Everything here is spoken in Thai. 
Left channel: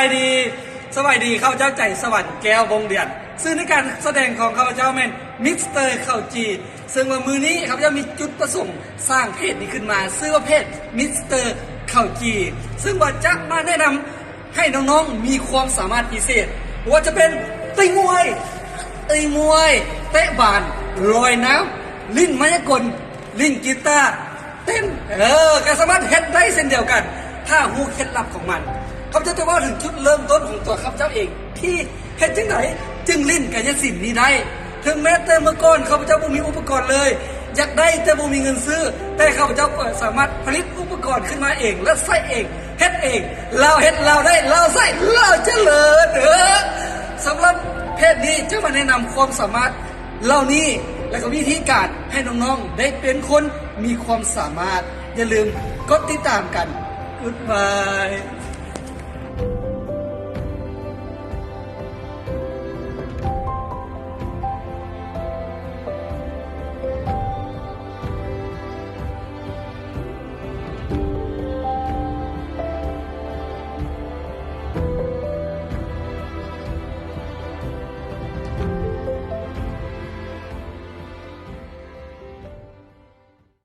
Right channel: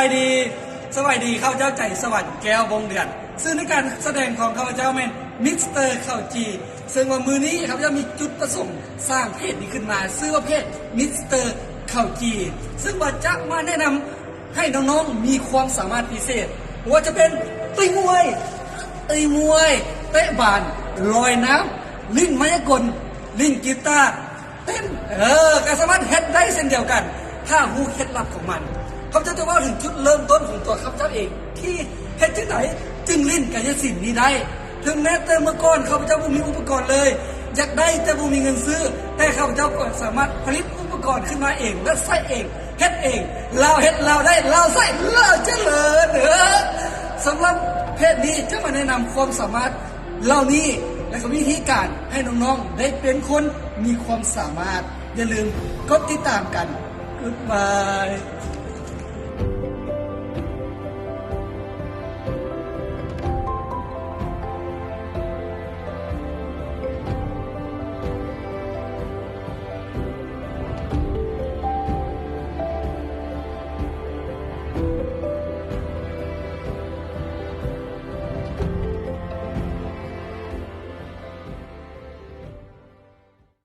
ายดีข้าพเจ้าใจสวรรค์แก้ววงเดือนซึ่งในการแสดงของข้าพเจ้าแม่นมิสเตอร์ข้าวจีซึ่งว่ามือนี้ข้าพเจ้ามีจุดประสงค์สร้างเพจนี้ขึ้นมาชื่อว่าเพจมิสเตอร์ข้าวจีซึ่งว่าจะมาแนะนำให้น้องๆมีความสามารถพิเศษว่าจะเป็นตีมวยเตะบาสลอยน้ำลิ้นมายากลลิ้นกีตาร์เต้นก็สามารถเฮ็ดได้เช่นเดียวกันถ้ารู้เคล็ดลับของมันข้าพเจ้าจะว่าถึงจุดเริ่มต้นของตัวข้าพเจ้าเองที่เฮ็ดจังไหนจึงลิ้นกายสิทธิ์นี้ได้ถึงแม้แต่เมื่อก่อนข้าพเจ้าบ่มีอุปกรณ์เลยอยากได้แต่บ่มีเงินซื้อแต่ข้าพเจ้าก็สามารถผลิตอุปกรณ์ขึ้นมาเองและใส่เองเฮ็ดเองเราเฮ็ดเราได้เราใส่เราเจริญสำหรับเพจนี้จะมาแนะนำความสามารถเหล่านี้และก็วิธีการให้น้องๆได้เป็นคนมีความสามารถอย่าลืมกดติดตามกัน Goodbye